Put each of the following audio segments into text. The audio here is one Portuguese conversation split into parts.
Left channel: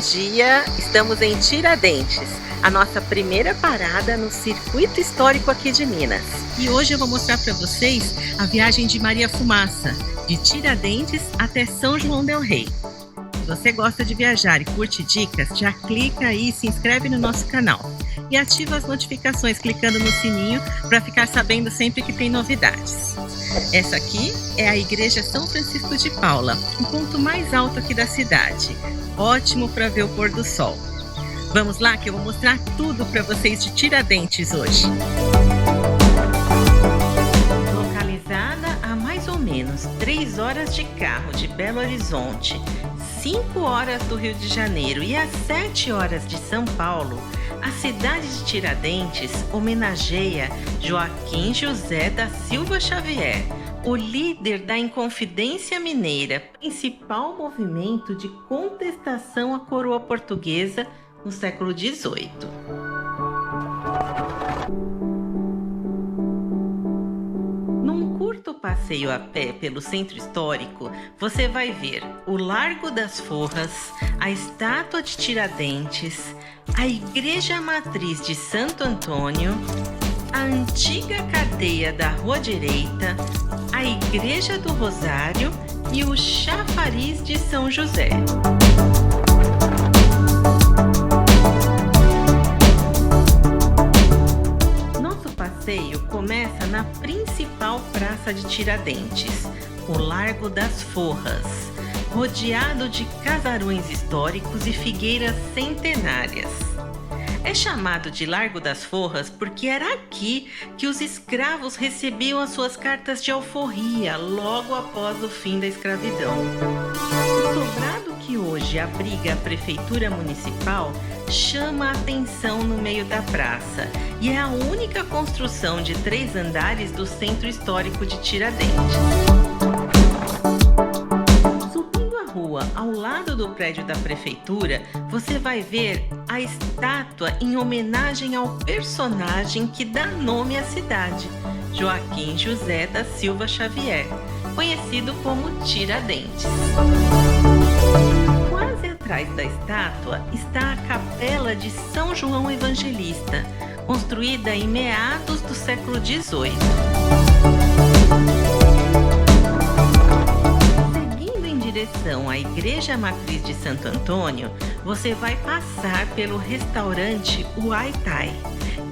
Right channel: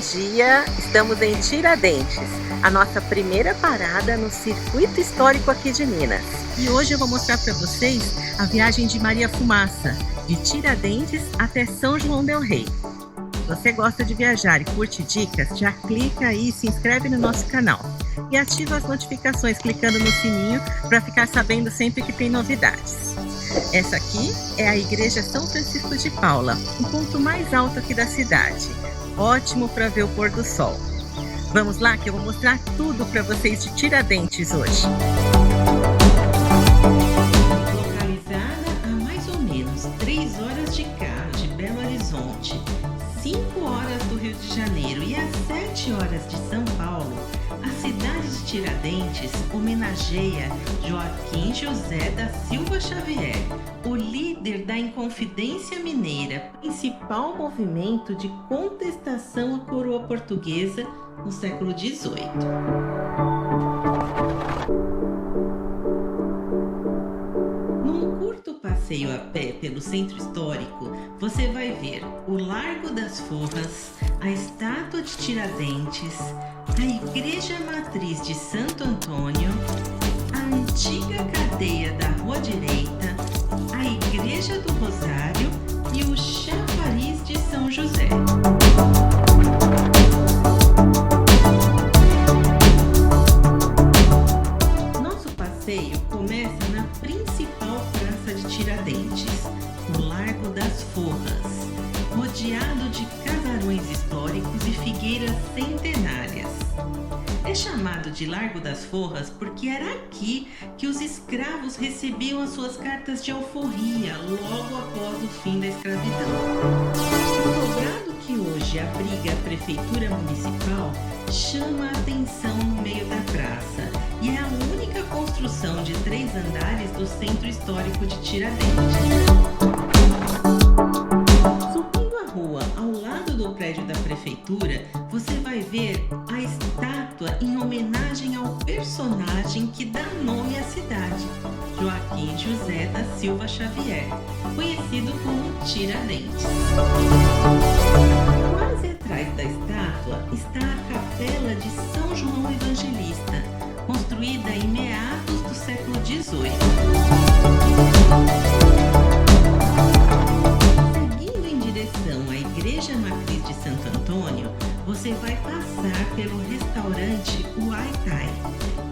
dia! Estamos em Tiradentes, a nossa primeira parada no circuito histórico aqui de Minas. E hoje eu vou mostrar para vocês a viagem de Maria Fumaça, de Tiradentes até São João del Rei. Se você gosta de viajar e curte dicas, já clica aí e se inscreve no nosso canal. E ativa as notificações clicando no sininho para ficar sabendo sempre que tem novidades. Essa aqui é a Igreja São Francisco de Paula, o ponto mais alto aqui da cidade. Ótimo para ver o pôr do sol. Vamos lá que eu vou mostrar tudo para vocês de Tiradentes hoje. Localizada a mais ou menos 3 horas de carro de Belo Horizonte, 5 horas do Rio de Janeiro e às 7 horas de São Paulo, a cidade de Tiradentes homenageia Joaquim José da Silva Xavier, o líder da Inconfidência Mineira, principal movimento de contestação à coroa portuguesa no século XVIII. Passeio a pé pelo centro histórico, você vai ver o Largo das Forras, a Estátua de Tiradentes, a Igreja Matriz de Santo Antônio, a antiga cadeia da Rua Direita, a Igreja do Rosário e o Chafariz de São José. Nosso passeio começa na principal praça de Tiradentes, o Largo das Forras, rodeado de casarões históricos e figueiras centenárias. É chamado de Largo das Forras porque era aqui que os escravos recebiam as suas cartas de alforria logo após o fim da escravidão. O sobrado que hoje abriga a Prefeitura Municipal chama a atenção no meio da praça e é a única construção de 3 andares do Centro Histórico de Tiradentes. Subindo a rua ao lado do prédio da Prefeitura, você vai ver a estátua em homenagem ao personagem que dá nome à cidade, Joaquim José da Silva Xavier, conhecido como Tiradentes. Quase atrás da estátua está a Capela de São João Evangelista, construída em meados do século XVIII. Seguindo em direção à Igreja Matriz de Santo Antônio, você vai passar pelo restaurante Uai Thai,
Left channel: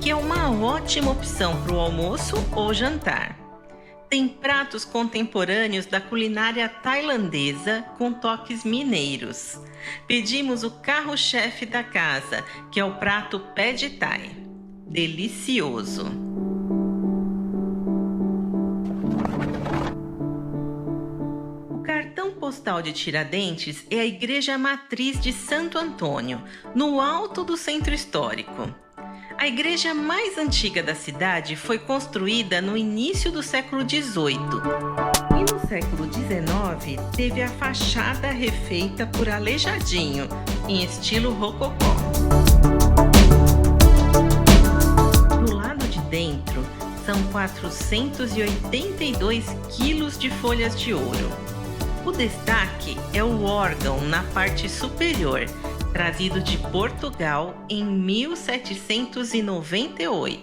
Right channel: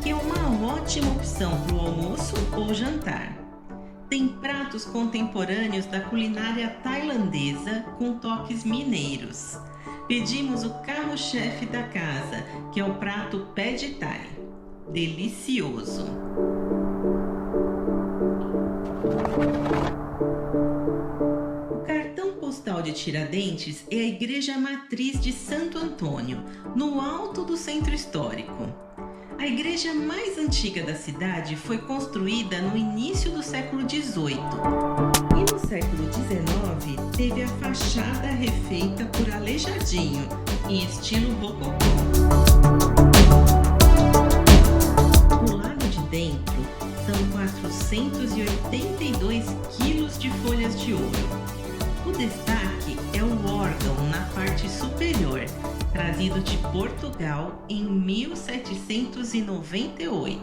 que é uma ótima opção para o almoço ou jantar. Tem pratos contemporâneos da culinária tailandesa com toques mineiros. Pedimos o carro-chefe da casa, que é o prato Pad Thai. Delicioso! O cartão postal de Tiradentes é a Igreja Matriz de Santo Antônio, no alto do centro histórico. A igreja mais antiga da cidade foi construída no início do século XVIII e no século XIX teve a fachada refeita por Aleijadinho, em estilo rococó. Do lado de dentro são 482 quilos de folhas de ouro. O destaque é o órgão na parte superior, trazido de Portugal em 1798.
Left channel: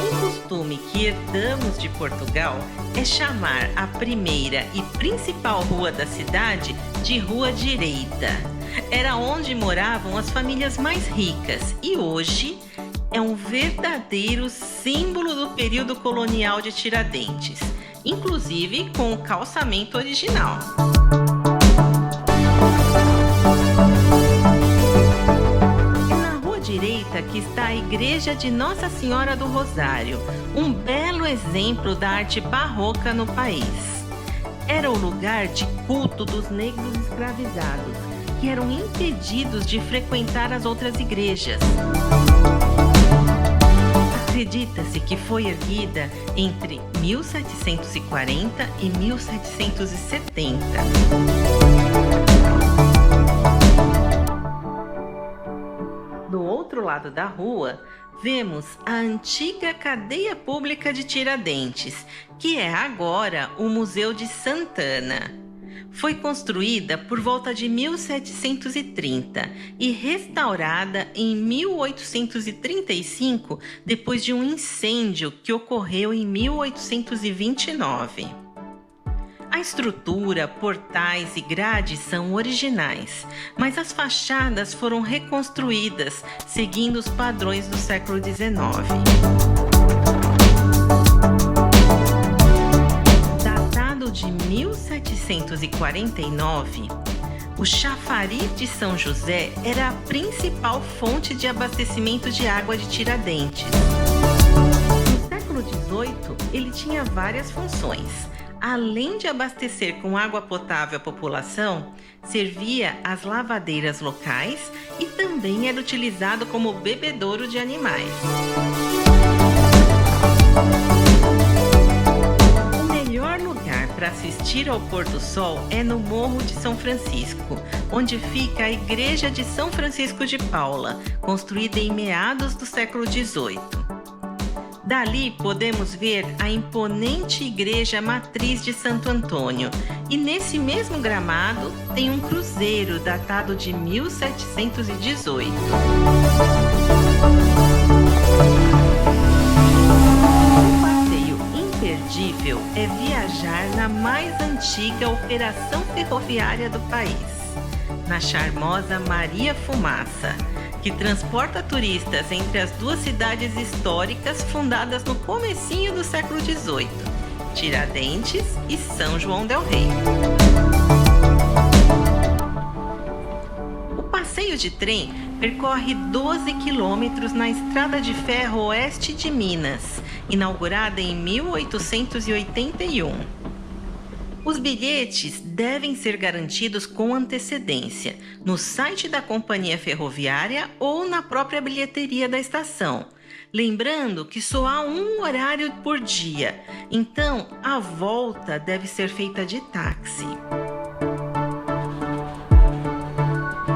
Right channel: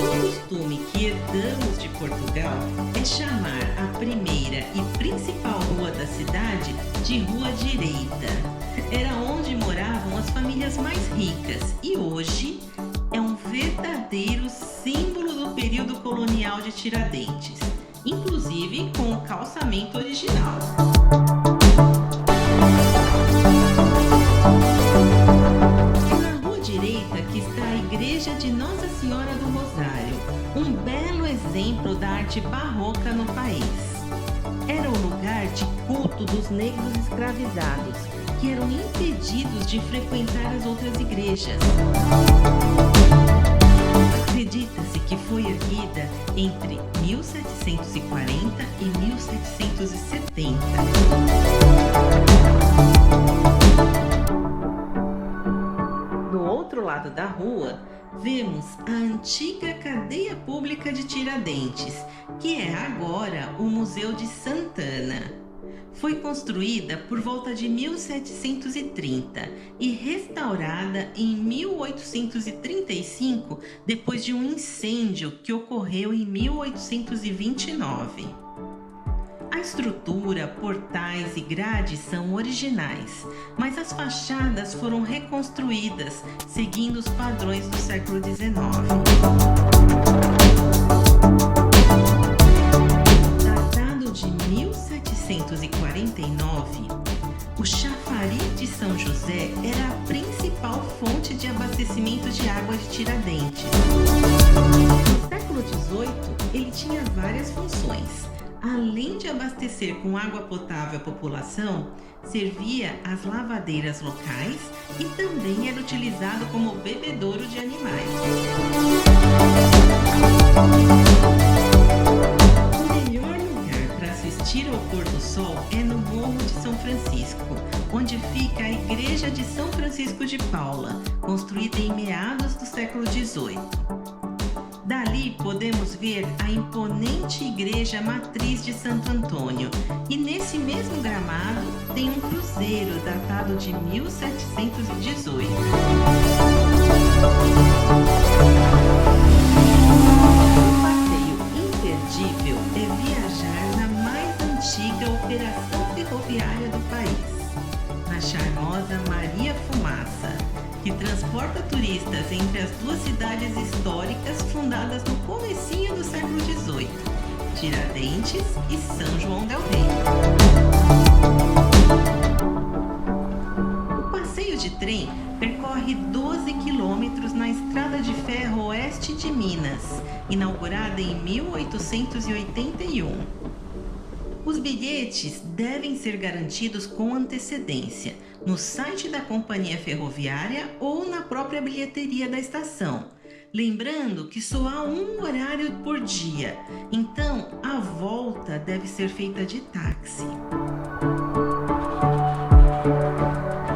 Um costume que herdamos de Portugal é chamar a primeira e principal rua da cidade de Rua Direita. Era onde moravam as famílias mais ricas e hoje é um verdadeiro símbolo do período colonial de Tiradentes, inclusive com o calçamento original. É na Rua Direita que está a Igreja de Nossa Senhora do Rosário, um belo exemplo da arte barroca no país. Era o lugar de culto dos negros escravizados, que eram impedidos de frequentar as outras igrejas. Acredita-se que foi erguida entre 1740 e 1770. Do outro lado da rua, vemos a antiga cadeia pública de Tiradentes, que é agora o Museu de Santana. Foi construída por volta de 1730 e restaurada em 1835, depois de um incêndio que ocorreu em 1829. A estrutura, portais e grades são originais, mas as fachadas foram reconstruídas, seguindo os padrões do século XIX. Datado de 1749, o chafariz de São José era a principal fonte de abastecimento de água de Tiradentes. No século XVIII, ele tinha várias funções. Além de abastecer com água potável a população, servia as lavadeiras locais e também era utilizado como bebedouro de animais. O melhor lugar para assistir ao pôr do sol é no Morro de São Francisco, onde fica a Igreja de São Francisco de Paula, construída em meados do século XVIII. Dali podemos ver a imponente igreja matriz de Santo Antônio, e nesse mesmo gramado tem um cruzeiro datado de 1718. Um passeio imperdível é viajar na mais antiga operação ferroviária do país, na charmosa Maria Fumaça, que transporta turistas entre as duas cidades históricas fundadas no comecinho do século XVIII, Tiradentes e São João del Rei. O passeio de trem percorre 12 quilômetros na estrada de ferro oeste de Minas, inaugurada em 1881. Os bilhetes devem ser garantidos com antecedência no site da companhia ferroviária ou na própria bilheteria da estação. Lembrando que só há um horário por dia, então a volta deve ser feita de táxi.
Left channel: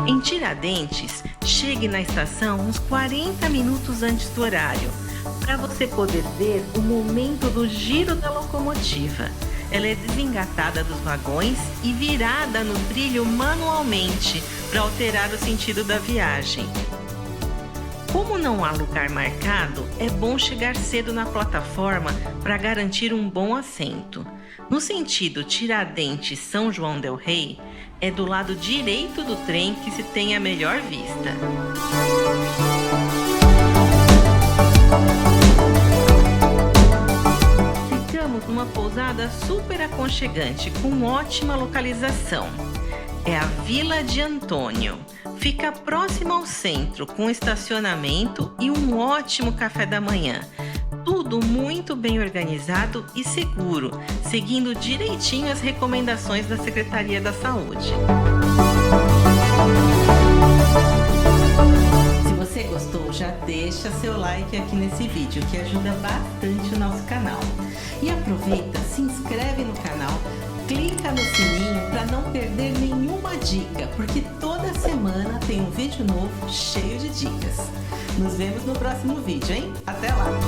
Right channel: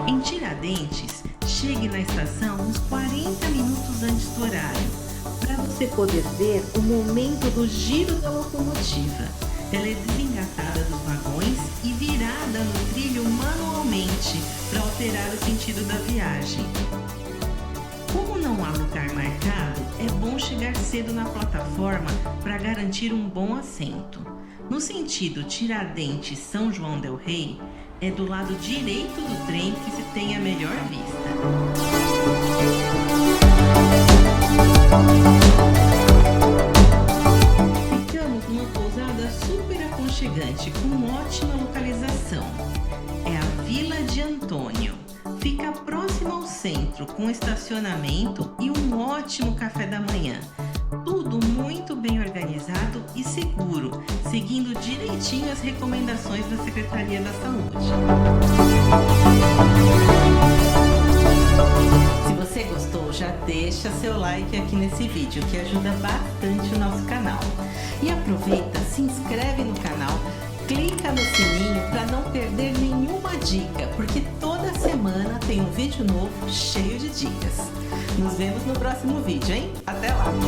Em Tiradentes, chegue na estação uns 40 minutos antes do horário, para você poder ver o momento do giro da locomotiva. Ela é desengatada dos vagões e virada no trilho manualmente para alterar o sentido da viagem. Como não há lugar marcado, é bom chegar cedo na plataforma para garantir um bom assento. No sentido Tiradentes-São João del Rei, é do lado direito do trem que se tem a melhor vista. Uma pousada super aconchegante com ótima localização. É a Vila de Antônio. Fica próximo ao centro, com estacionamento e um ótimo café da manhã. Tudo muito bem organizado e seguro, seguindo direitinho as recomendações da Secretaria da Saúde. Se você gostou, já deixa seu like aqui nesse vídeo, que ajuda bastante o nosso canal. E aproveita, se inscreve no canal, clica no sininho para não perder nenhuma dica, porque toda semana tem um vídeo novo cheio de dicas. Nos vemos no próximo vídeo, hein? Até lá!